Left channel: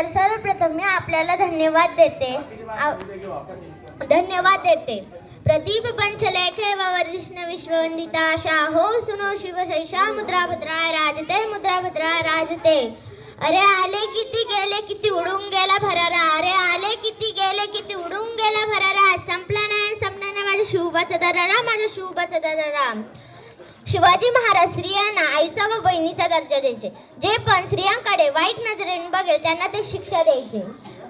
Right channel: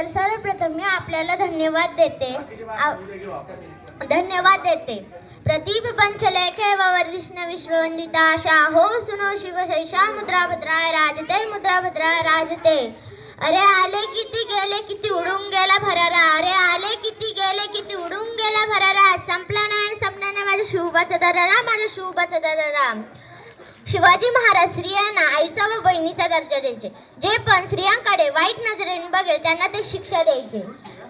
तर सर्वप्रथम मी आपल्याला धन्यवाद देते। प्रदीप पंचलेखे ववर्धिष्ण विश्ववंदिता शाहो सुनो शिवशैषा मुद्रा भद्राय राजते मुद्रा भद्राय राजते। अरे आले किती गेले किती उडून गेला भरारा, अरे आले किती गेले किती उडून गेला भरारा, संपला नाही माझ्या शिवबाचा दरारा, माझ्या शिवबाचा दरारा। शिवाजी महाराज स्त्रियांना आईचा व बहिणीचा दर्जा द्यायचे। जे पण स्त्रियांकडे वाईट नजरेने बघेल त्यांना ते शिक्षा द्यायचे।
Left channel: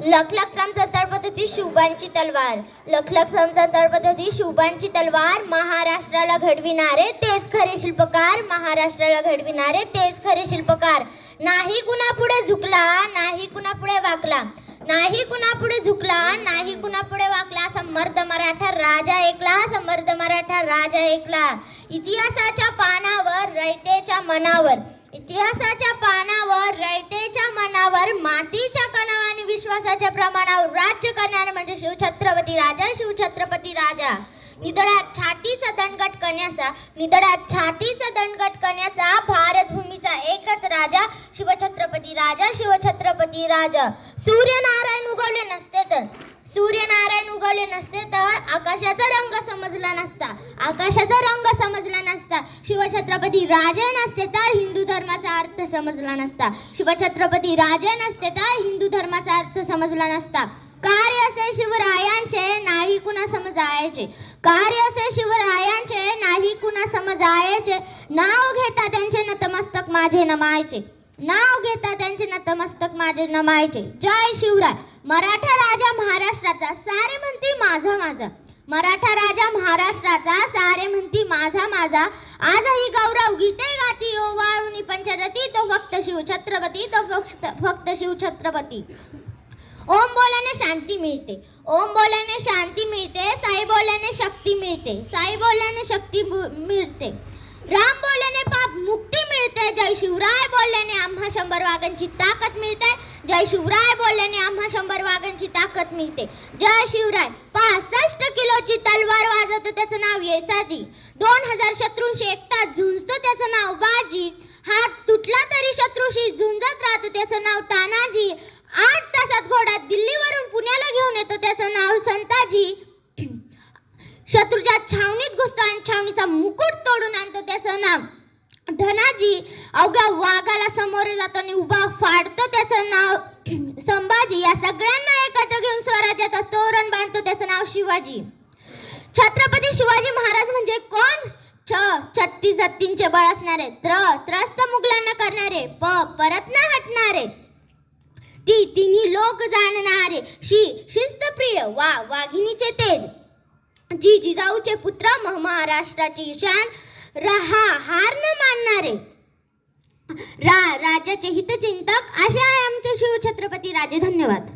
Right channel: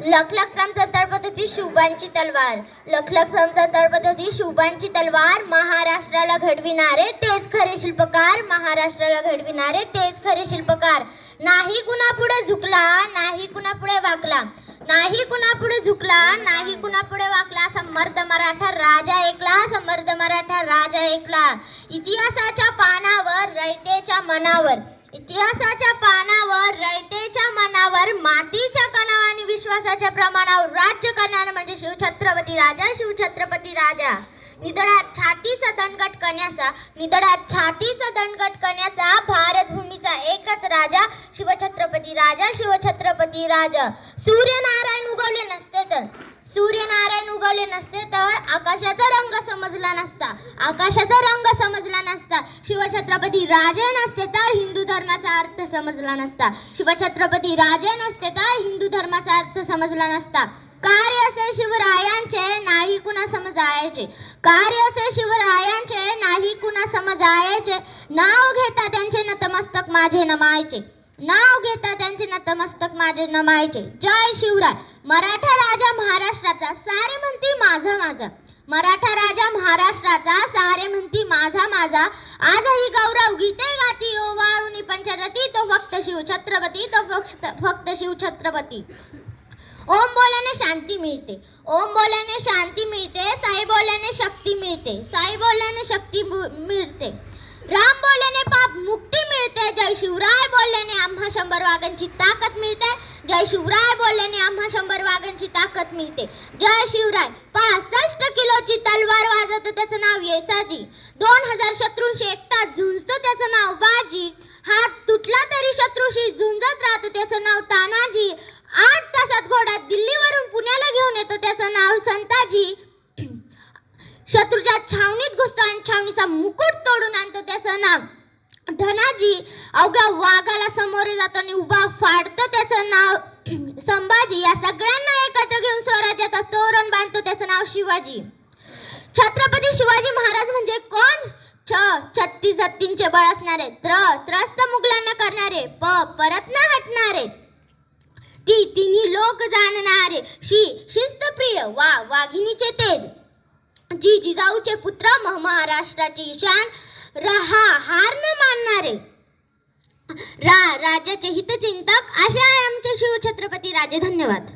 लख लख समचा तळपत शिवबांची तलवार, लख लख समचा तळपत शिवबांची तलवार, महाराष्ट्राला घडविणारे तेच खरे शिल्पकार, महाराष्ट्राला घडविणारे तेच खरे शिल्पकार। नाही कुणा पुढे झुकला, नाही कुणा पुढे वाकला, नाही कुणा पुढे झुकला, नाही कुणा पुढे वाकला, समर्थ मराठा राजा ऐकला, समर्थ मराठा राजा ऐकला। इतिहासाच्या पानावर रयतेच्या मनावर, इतिहासाच्या पानावर रयतेच्या मनावर, मातीच्या कणावाने विश्वासाच्या प्रमाणावर राज्य करणारे म्हणजे शिवछत्रपती राजा, शिवछत्रपती राजा। निधड्यात छातीचा दणकट करण्याचा, निधड्यात छातीचा दणकट करण्याचा भारत भूमीचा एकच राजा शिवछत्रपती राजा, शिवछत्रपती राजा। सूर्यनारायण उगवले नसते तर, सूर्यनारायण उगवले नसते तर आकाशाचा रंग समजला नसता, आकाशाचा रंग समजला नसता। शिवछत्रपती राजे नसते तर हिंदू धर्माचा अर्थ समजला नसता, शिवछत्रपती राजे नसते तर हिंदू धर्माचा अर्थ समजला नसता। कार्य असे शिवरायांचे नाही कुणा समजायचे, कार्य असे शिवरायांचे नाही कुणा समजायचे। नाव घेता त्यांचे नतमस्तक माझे नमायचे, नाव घेता त्यांचे नतमस्तक माझे नमायचे। जय शिवराय। मराठा राजा महाराष्ट्राचा सारे म्हणती माझा माझा, मराठा राजा महाराष्ट्राचा सारे म्हणती माझा माझा। आजही गौरव गीते गाती ओवाळून पंचरती, तो फक्त शिवछत्रपती, तो फक्त शिवछत्रपती। ओम बोलल्याने शांती मिळते, ओम बोलल्याने शांती मिळते, साई बोलल्याने शक्ती मिळते, साई बोलल्याने शक्ती मिळते। राम बोलल्याने पाप मुक्ती मिळते, जय शिवराय बोलल्याने आम्हा 100 वाघांची ताकद मिळते, जय शिवराय बोलल्याने आम्हा 100 वाघांची ताकद मिळते। जय शिवराय। 65 किलोची तलवार वाजवतो त्याचं नाव येसाजी, 2000 शत्रूंशी एकटाच झुंजतो त्याचं नाव बाजी, हात तुटला तरी शत्रूशी झुंजत राहतो त्याचं नाव तानाजी, 8 तासात घोडा दिल्लीवरून पुण्याला घेऊन येतो त्याचं नाव संताजी, शत्रूच्या छावणीत घुसतो आणि छावणीचा मुकुट तोडून आणतो त्याचं नाव धनाजी, अवघ्या वाघाला समोरे जातो आणि उभा फाडतो त्याचं नाव संभाजी, या सगळ्यांना एकत्र घेऊन स्वराज्याचा तोरण बांधतो त्याचं नाव शिवाजी। छत्रपती शिवाजी महाराज म्हणजे कोण? 36 हत्तींचे बळ असणारे, त्रस्त मुघलांना करणारे, परत न हटणारे, तिन्ही लोक जाणणारे, शिस्तप्रिय वाघिणीचे तेज, जिजाऊचे पुत्र, महाराष्ट्राची शान, हार न मानणारे, राज्याचे हितचिंतक, असे आहे आमचे शिवछत्रपती राजे। धन्यवाद।